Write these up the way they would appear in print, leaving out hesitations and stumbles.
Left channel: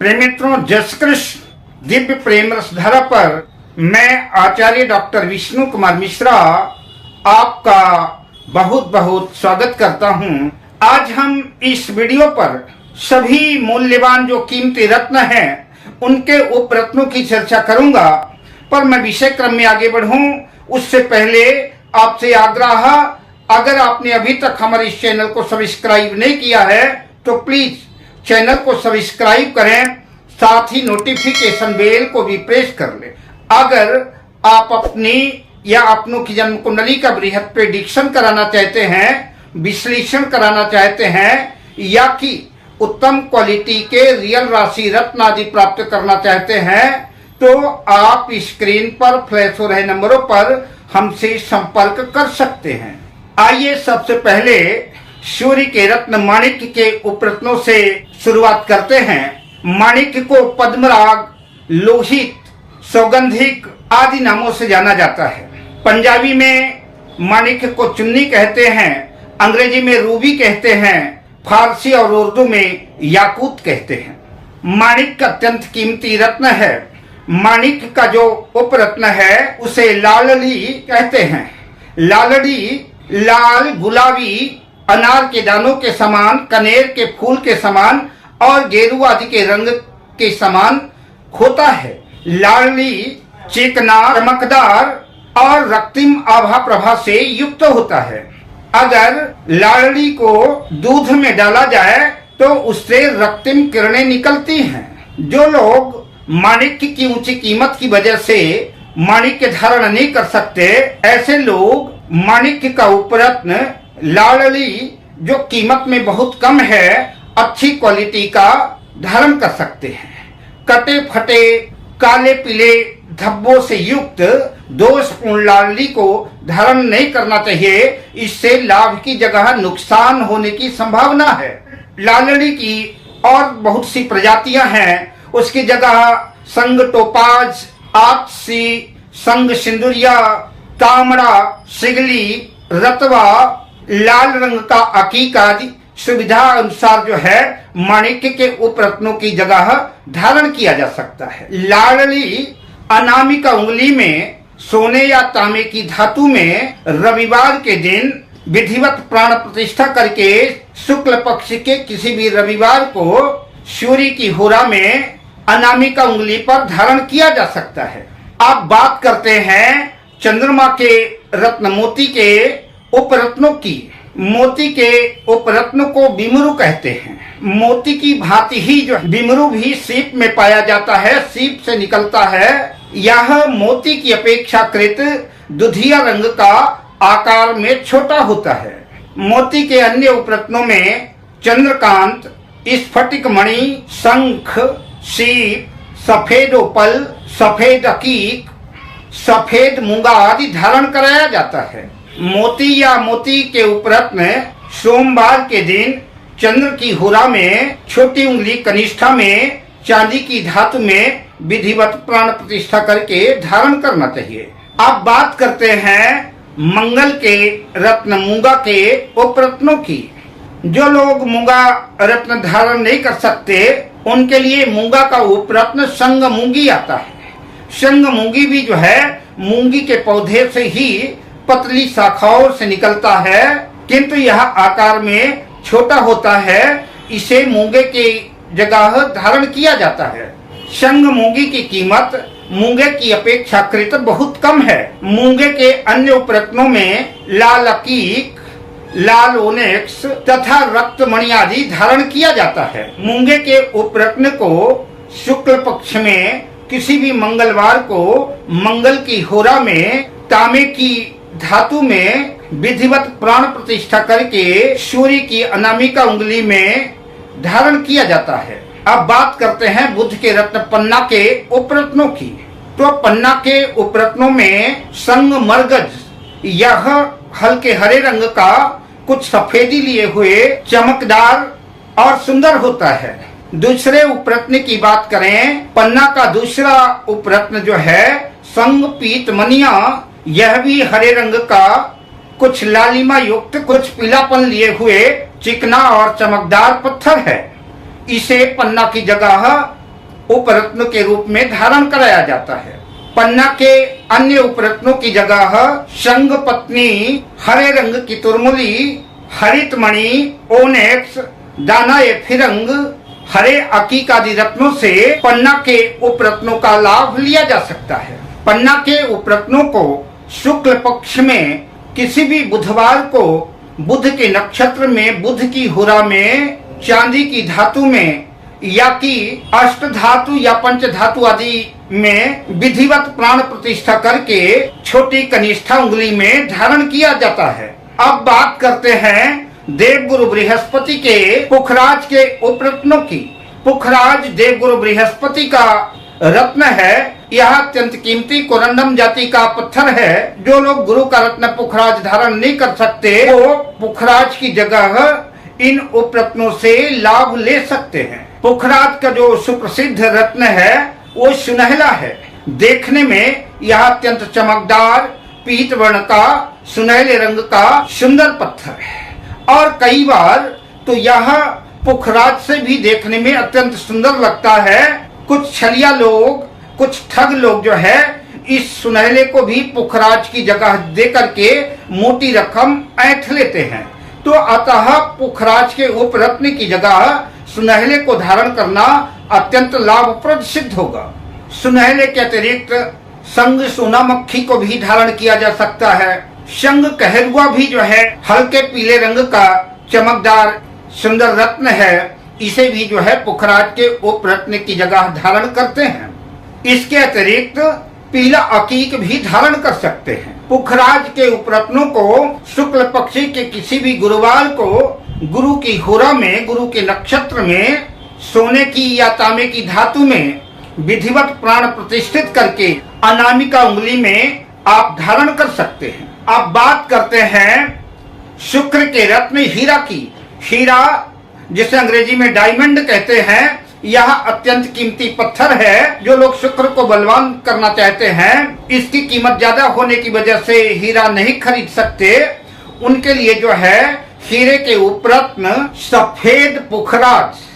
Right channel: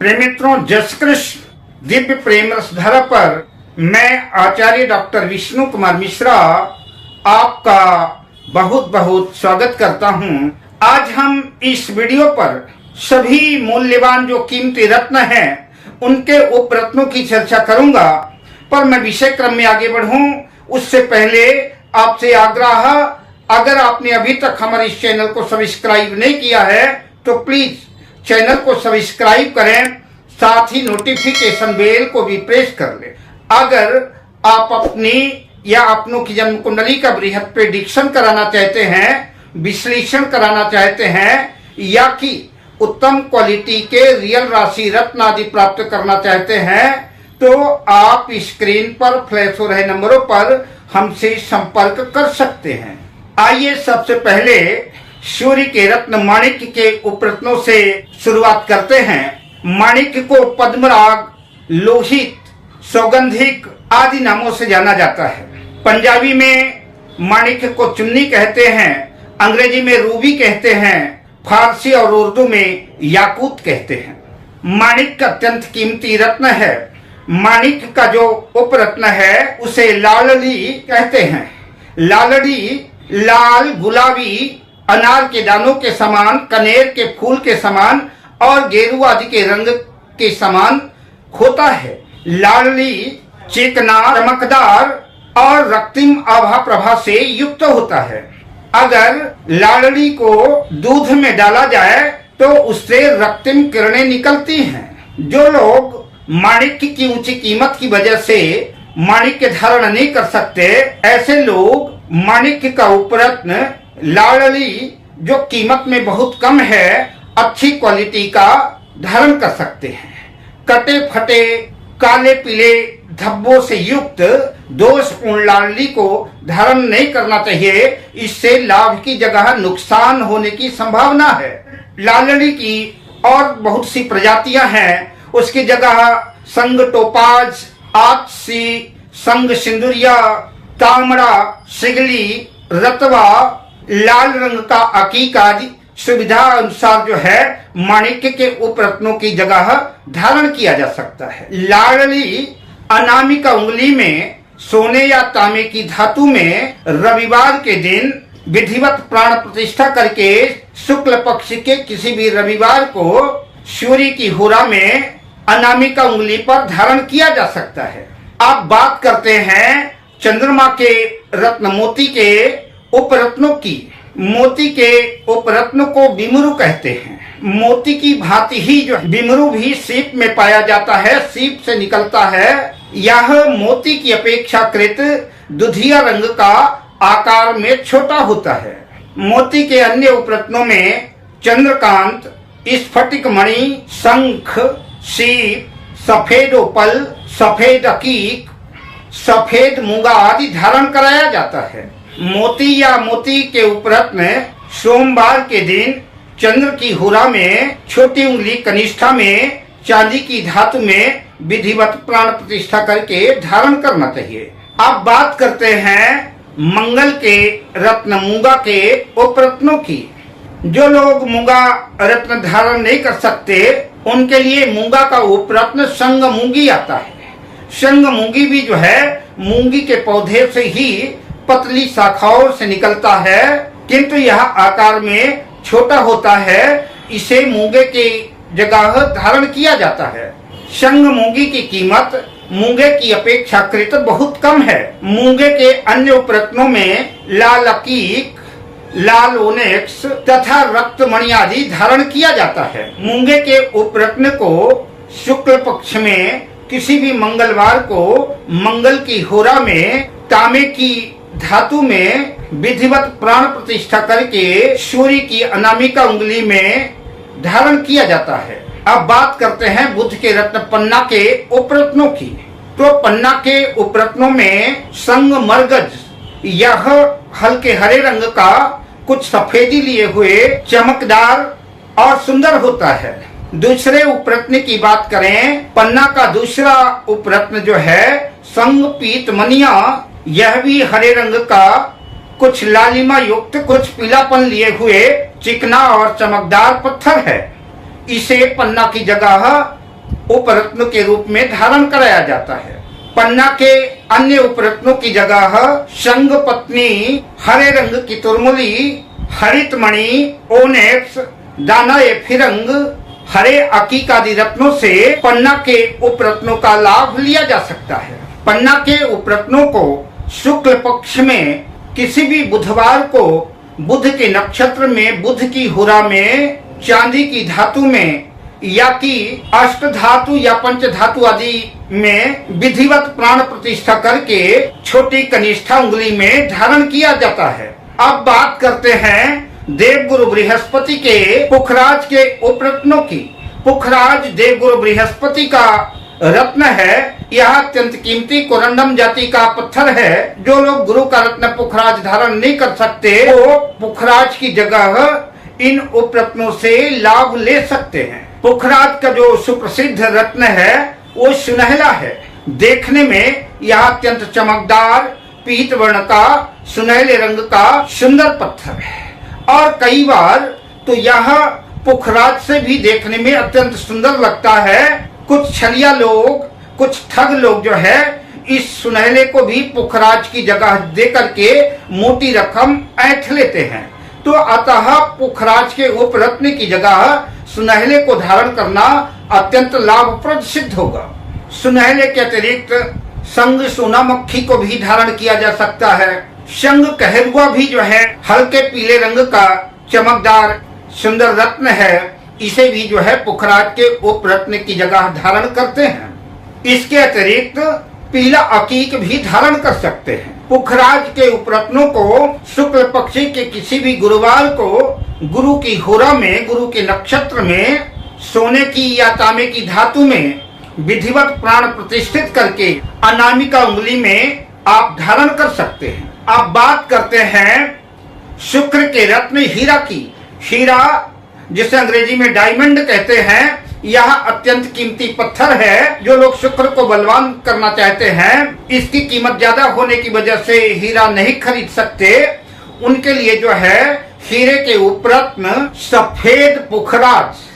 प्रेम मित्रों, जय श्री कृष्ण। दिव्य प्रेम रस धारा पर मैं आचार्य डॉक्टर विष्णु कुमार मिश्रा आपका बहुत बहुत स्वागत करता हूं। आज हम इस वीडियो पर सभी मूल्यवान जो कीमती रत्न हैं उनके उप रत्नों की चर्चा करूंगा। पर मैं विषय क्रम में आगे बढ़ूं उससे पहले आपसे आग्रह, अगर आपने अभी तक हमारे इस चैनल को सब्सक्राइब नहीं किया है तो प्लीज चैनल को सब्सक्राइब करें, साथ ही नोटिफिकेशन बेल को भी प्रेस कर लें। अगर आप अपनी या अपनों की जन्म कुंडली का बृहद प्रेडिक्शन कराना चाहते हैं, विश्लेषण कराना चाहते हैं, या कि उत्तम क्वालिटी के रियल राशि रत्न आदि प्राप्त करना चाहते हैं, तो आप स्क्रीन पर फ्लैश हो रहे नंबरों पर हमसे संपर्क कर सकते हैं। आइए सबसे पहले सूर्य के रत्न माणिक्य के उपरत्नों से शुरुआत करते हैं। माणिक्य को पद्मराग, लोहित, सौगंधिक आदि नामों से जाना जाता है। पंजाबी में माणिक्य को चुन्नी कहते हैं, अंग्रेजी में रूबी कहते हैं, फारसी और उर्दू में याकूत कहते हैं। माणिक्य अत्यंत कीमती रत्न है। माणिक्य का जो उपरत्न है उसे लालड़ी कहते हैं। लालड़ी लाल, गुलाबी, अनार के दानों के समान, कनेर के फूल के समान और गेरुआ आदि के रंग के समान होता है। लालड़ी चिकना, चमकदार और रक्तिम आभा प्रभा से युक्त होता है। अगर लालड़ी को दूध में डाला जाए तो उससे रक्तिम किरणें निकलती हैं। जो लोग माणिक्य की ऊंची कीमत की वजह से माणिक्य धारण नहीं कर सकते, ऐसे लोग माणिक्य का उपरत्न लालड़ी जो कीमत में बहुत कम है, अच्छी क्वालिटी का धारण कर सकते हैं। कटे फटे काले पीले धब्बों से युक्त दोषपूर्ण लालड़ी को धारण नहीं करना चाहिए। इससे लाभ की जगह नुकसान होने की संभावना है। लालड़ी की और बहुत सी प्रजातियां हैं, उसकी जगह संग टोपाज, आक्सी, संग सिंदूरिया, तामड़ा, सिगली, रतवा, लाल रंग का अकीक आदि सुविधा अनुसार जो है माणिक्य के उपरत्नों की जगह धारण किया जा सकता है। लालड़ी अनामिका उंगली में सोने या तांबे की धातु में रविवार के दिन विधिवत प्राण प्रतिष्ठा करके शुक्ल पक्ष के किसी भी रविवार को सूर्य की होरा में अनामिका उंगली पर धारण किया जा सकता है। अब बात करते हैं चंद्रमा के रत्न मोती के उपरत्नों की। मोती के उपरत्न को बिमरू कहते हैं। मोती की भांति ही जो बिमरू भी सीप में पाया जाता है, सीप से निकलता है। यह मोती की अपेक्षाकृत दुधिया रंग का आकार में छोटा होता है। मोती के अन्य उपरत्नों में चंद्रकांत, स्फटिक मणि, शंख, सीप, सफेद ओपल, सफेद अकीक, सफेद मूंगा आदि धारण कराया जाता है। मोती या मोती के उपरत्न सोमवार के दिन चंद्र की होरा में छोटी उंगली कनिष्ठा में चांदी की धातु में विधिवत प्राण प्रतिष्ठा करके धारण करना चाहिए। अब बात करते हैं मंगल के रत्न मूंगा के उपरत्नों की। जो लोग मूंगा रत्न धारण नहीं कर सकते उनके लिए मूंगा का उपरत्न संग मूंगी आता है। संग मूंगी भी जो है मूंगी के पौधे से ही पतली शाखाओं से निकलता है, किंतु यह आकार में छोटा होता है। इसे मूंगे की जगह धारण किया जाता है। संग मूंगी की कीमत मूंगे की अपेक्षाकृत बहुत कम है। मूंगे के अन्य उपरत्नों में लाल अकीक, लाल ओनेक्स तथा रक्तमणि आदि धारण किया जाता है। मूंगे के उपरत्न को शुक्ल पक्ष में किसी भी मंगलवार को मंगल की होरा में तांबे की धातु में विधिवत प्राण प्रतिष्ठा करके सूर्य की अनामिका उंगली में धारण किया जाता है। अब बात करते हैं बुध के रत्न पन्ना के उपरत्नों की। तो पन्ना के उपरत्नों में संग मरगज, यह हल्के हरे रंग का कुछ सफेदी लिए हुए चमकदार और सुंदर होता है। दूसरे उपरत्न की बात करें, पन्ना का दूसरा उपरत्न जो है संग पीत मनिया, यह भी हरे रंग का कुछ लालिमा युक्त कुछ पीलापन लिए हुए चिकना और चमकदार पत्थर है। इसे पन्ना की जगह उपरत्न के रूप में धारण कराया जाता है। पन्ना के अन्य उपरत्नों की जगह शंख पत्नी, हरे रंग की तुरमुली, हरित मणि, ओनेक्स, दाना ए फिरंग, हरे अकीक आदि रत्नों से पन्ना के उपरत्नों का लाभ लिया जा सकता है। पन्ना के उपरत्नों को शुक्ल पक्ष में किसी भी बुधवार को बुध के नक्षत्र में, बुध की हुरा में, चांदी की धातु में या कि अष्ट धातु या पंच धातु आदि में विधिवत प्राण प्रतिष्ठा करके छोटी कनिष्ठा उंगली में धारण किया जाता है। अब बात करते हैं देवगुरु बृहस्पति के पुखराज के उपरत्नों की। पुखराज देवगुरु बृहस्पति का रत्न है। यह अत्यंत कीमती कोरंडम जाति का पत्थर है। जो लोग गुरु का रत्न पुखराज धारण नहीं कर सकते वो पुखराज की जगह इन उपरत्नों से लाभ ले सकते हैं। पुखराज का जो सुप्रसिद्ध रत्न है वो सुनहला है। देखने में यह अत्यंत चमकदार पीत वर्ण का सुनहले रंग का सुंदर पत्थर है और कई बार तो यह पुखराज से भी देखने में अत्यंत सुंदर लगता है। कुछ छलिया लोग, कुछ ठग लोग जो है इस सुनहले को भी पुखराज की जगह दे करके मोटी रकम ऐंठ लेते हैं। तो अतः पुखराज के उपरत्न की जगह सुनहले को धारण करना अत्यंत लाभप्रद सिद्ध होगा। सुनहले के अतिरिक्त संग सोना मक्खी को भी धारण किया जा सकता है। संग कहरुआ भी जो है हल्के पीले रंग का चमकदार सुंदर रत्न है। इसे भी जो है पुखराज के उपरत्न की जगह धारण करते हैं। इसके अतिरिक्त पीला अकीक भी धारण कर सकते हैं। पुखराज के उपरत्नों को शुक्ल पक्ष के किसी भी गुरुवार को गुरु की हुरा में, गुरु के नक्षत्र में, सोने की या तांबे की धातु में विधिवत प्राण प्रतिष्ठित करके अनामिका उंगली में आप धारण कर सकते हैं। अब बात करते हैं शुक्र के रत्न हीरा की। हीरा जिसे अंग्रेजी में डायमंड कहते हैं, यह अत्यंत कीमती पत्थर है। जो लोग शुक्र को बलवान करना चाहते हैं, इसकी कीमत ज्यादा होने की वजह से हीरा नहीं खरीद सकते, उनके लिए जो है हीरे के उपरत्न सफेद पुखराज,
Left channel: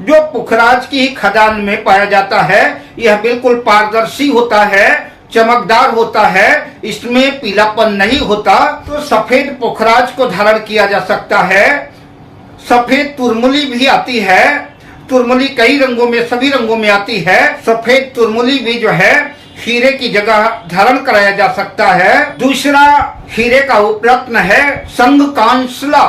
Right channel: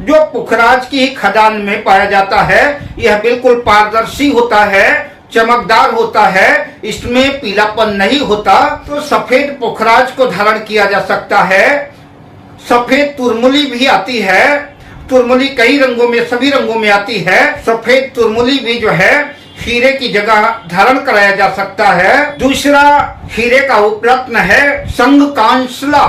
जो पुखराज की ही खदान में पाया जाता है, यह बिल्कुल पारदर्शी होता है, चमकदार होता है, इसमें पीलापन नहीं होता। तो सफेद पुखराज को धारण किया जा सकता है। सफेद तुरमुली भी आती है। तुरमुली कई रंगों में, सभी रंगों में आती है। सफेद तुरमुली भी जो है हीरे की जगह धारण कराया जा सकता है। दूसरा हीरे का उपरत्न है संग कांसला।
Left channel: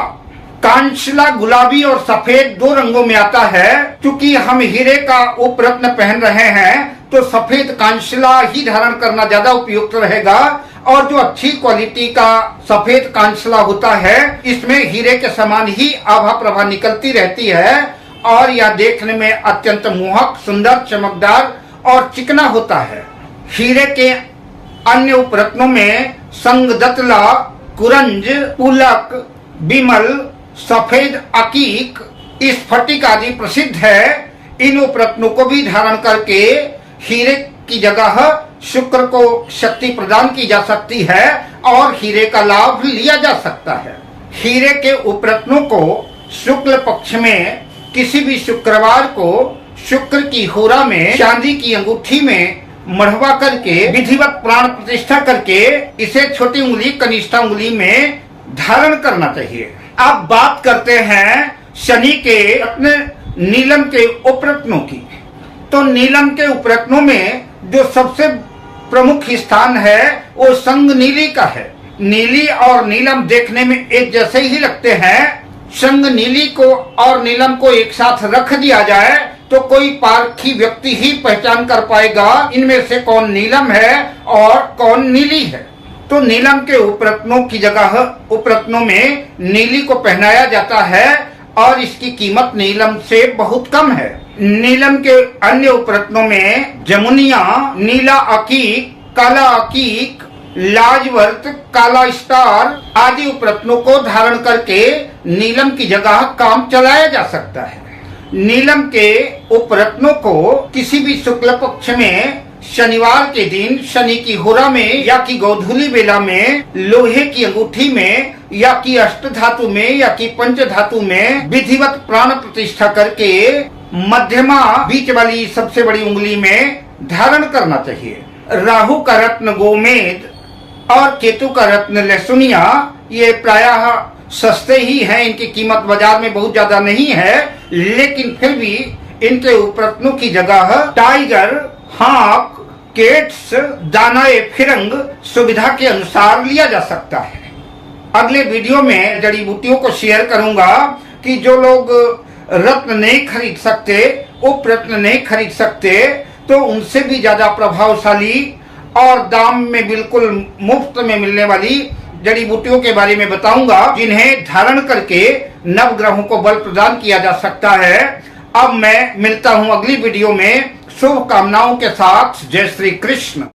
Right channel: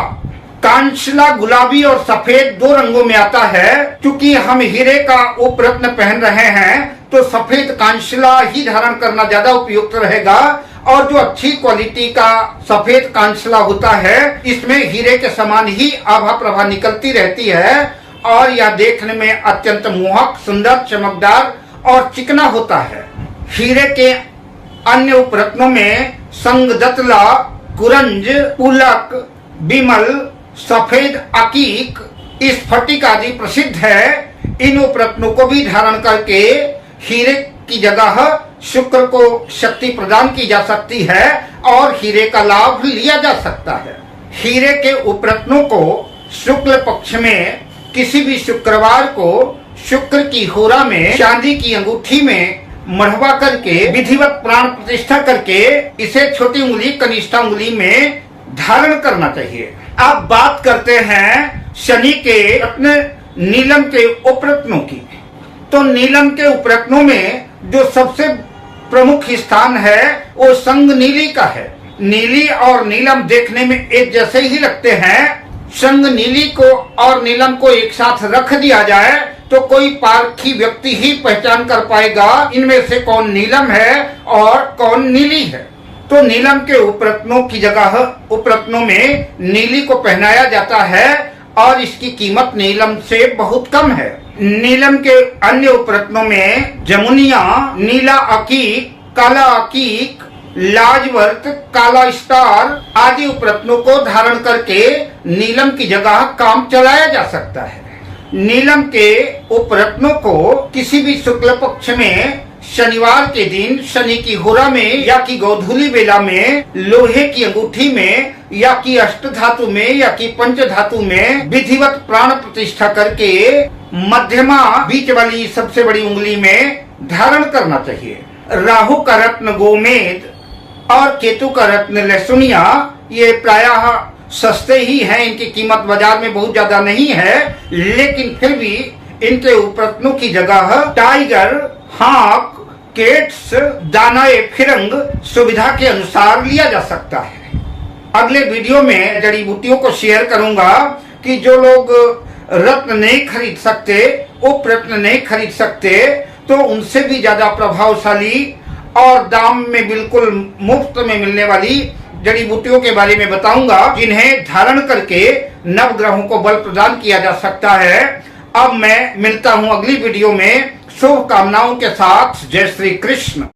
कांसला गुलाबी और सफेद दो रंगों में आता है। क्योंकि हम हीरे का उपरत्न पहन रहे हैं तो सफेद कांसला ही धारण करना ज्यादा उपयुक्त रहेगा। और जो अच्छी क्वालिटी का सफेद कांसला होता है, इसमें हीरे के समान ही आभा प्रभा निकलती रहती है और यह देखने में अत्यंत मोहक, सुंदर, चमकदार और चिकना होता है। हीरे के अन्य उपरत्नों में संगदतला, कुरंज, पुलक, बिमल, सफेद अकीक, स्फटिक आदि प्रसिद्ध है। इन उपरत्नों को भी धारण करके हीरे की जगह शुक्र को शक्ति प्रदान की जा सकती है और हीरे का लाभ लिया जा सकता है। हीरे के उपरत्नों को शुक्ल पक्ष में किसी भी शुक्रवार को शुक्र की होरा में चांदी की अंगूठी में मढ़वा करके विधिवत प्राण प्रतिष्ठा करके इसे छोटी उंगली, कनिष्ठा उंगली में धारण करना चाहिए। अब बात करते हैं शनि के अपने नीलम के उपरत्नों की। तो नीलम के उपरत्नों में जो सबसे प्रमुख स्थान है वो संग नीली का है। नीली और नीलम देखने में एक जैसे ही लगते हैं। संग नीली को और नीलम को एक साथ रख दिया जाए तो कोई पारखी व्यक्ति ही पहचान कर पाएगा इनमें से कौन नीलम है और कौन नीली है। तो नीलम के उपरत्नों की जगह उपरत्नों में नीली को पहनाया जाता है और इसकी कीमत नीलम से बहुत कम है। नीलम के अन्य उपरत्नों में जमुनिया, नीला अकीक, काला अकीक, लाजवर्त, काला स्टार आदि उपरत्नों को धारण करके नीलम की जगह काम चलाया जा सकता है। नीलम के उपरत्नों को किसी भी शुक्ल पक्ष में शनिवार के दिन शनि की होरा में या की गोधूली बेला में लोहे की अंगूठी में या की अष्ट धातु में या की पंच धातु में विधिवत प्राण प्रतिष्ठा करके मध्यमा बीच वाली सबसे बड़ी उंगली में धारण करना चाहिए। राहु का रत्न गोमेद और केतु का रत्न लहसुनिया ये प्रायः सस्ते ही हैं, इनकी कीमत बाजार में बहुत ज्यादा नहीं है, लेकिन फिर भी इनके उपरत्नों की जगह टाइगर, हाक, केट्स, दानाए फिरंग सुविधा के अनुसार लिया जा सकता है। अगले वीडियो में जड़ी बूटियों को शेयर करूंगा कि जो लोग रत्न नहीं खरीद सकते, उपरत्न नहीं खरीद सकते, तो उनसे भी ज्यादा प्रभावशाली और दाम में बिल्कुल मुफ्त में मिलने वाली जड़ी बूटियों के बारे में बताऊंगा, जिन्हें धारण करके नवग्रहों को बल प्रदान किया जा सकता है। अब मैं मिलता हूं अगली वीडियो में शुभकामनाओं के साथ। जय श्री कृष्ण।